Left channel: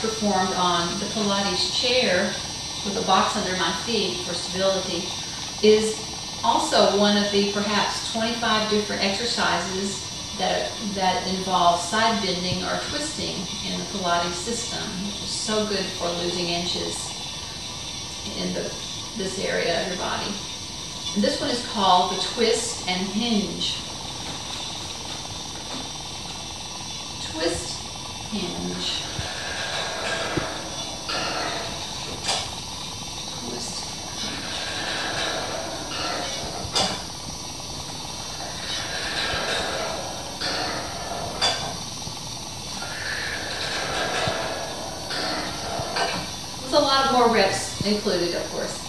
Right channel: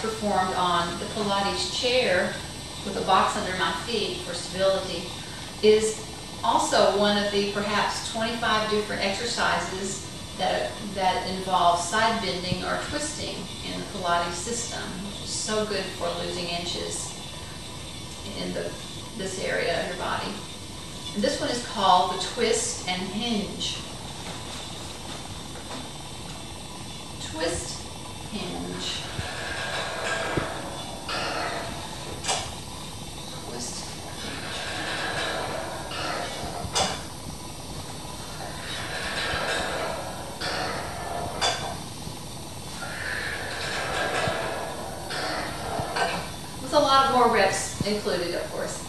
performed on the Pilates chair with a box under my feet for stability is also one of the perhaps 25 different exercises that involve side bending or twisting in the Pilates system, which is so good for losing inches in this area of your body. And this one is called the twist and hinge. Twist, hinge. Twist, hinge. With a lot more reps included, of course.